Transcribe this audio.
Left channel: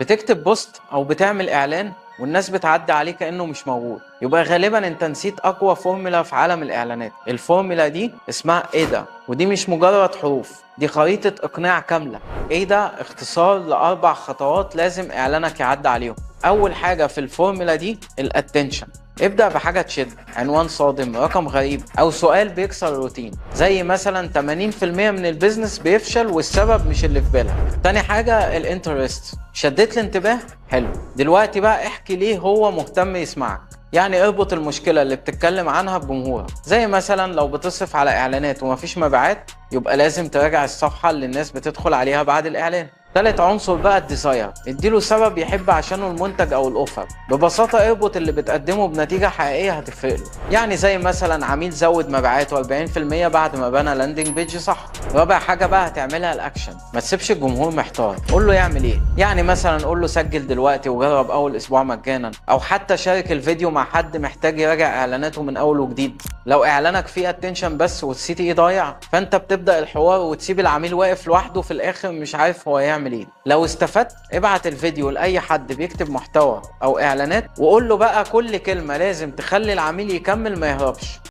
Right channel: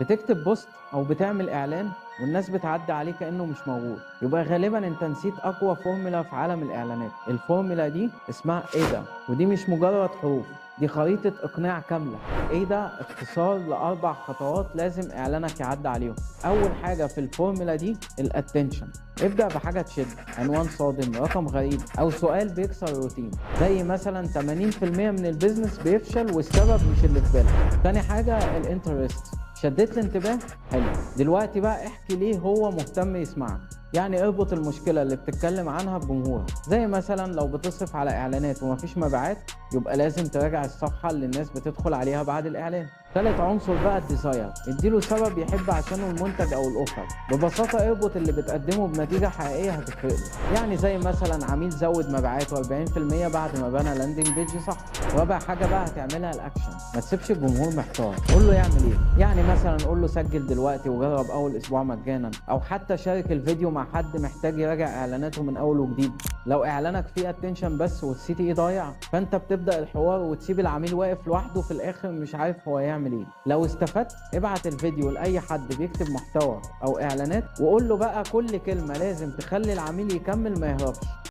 بتكتب بوست أو بتعمل إعلان والناس بتعدي عليه كأنه مش موجود، يبقى غالبا أنت نسيت أقوى فورمولا في عالم الإعلانات. الفورمولا دي اسمها إيدا، ودي مش مجرد حروف، دي خريطة إقناع كاملة. إيدا اختصار لأربع خطوات لازم إعلانك يعدي عليهم. أول حاجة في الفورمولا دي الاتنشن. ابدأ بحاجة تشد، عنوان صادم، رقم غريب، أو سؤال بيكسر الروتين، زي مثلا 80% من البيزنس بيفشل والسبب مش اللي في بالك. تاني حاجة الانترست، شديت الانتباه؟ حلو، دلوقتي بقى احكي ليه هو مهتم يسمعك. يعني اربط المشكلة اللي بتتكلم عنها بجمهورك، زي مثلا لو بتصرف على اعلانات ومفيش مبيعات يبقى لازم تراجع الصفحة اللي الناس بتدخل عليها بعد الاعلان. تالت عنصر بقى الديزاير، اديله سبب يحب عشانه المنتج او الاوفر. ببساطة اربط اللي بتقدمه بنتيجة حقيقية هتفرق له، يعني زي مثلا عميل زود مبيعاته 40% بعد ما بنى لاندنج بيج صح. رابع حاجة بقى هتعملها الاكشن، ما تسيبش الجمهور محتار، قول له يعمل ايه. يعني مثلا قول له سجل دلوقتي وجرب اول اسبوع مجانا، او حتى شارك الفيديو مع حد محتاج يراجع اعلاناته من اول وجديد. لو اعلانك فيه اتنشن بس والسي تي اي ضايع، فانت بتبدا الحوار وتسيب العميل واقف لوحده في الاخر مش عارف هو يعمل ايه. لو استفدت ابعت الفيديو لاي حد بيكتب محتوى او اعلانات، وقول له بقى كل كلمه لازم تخلي العميل يكمل ما يهربش.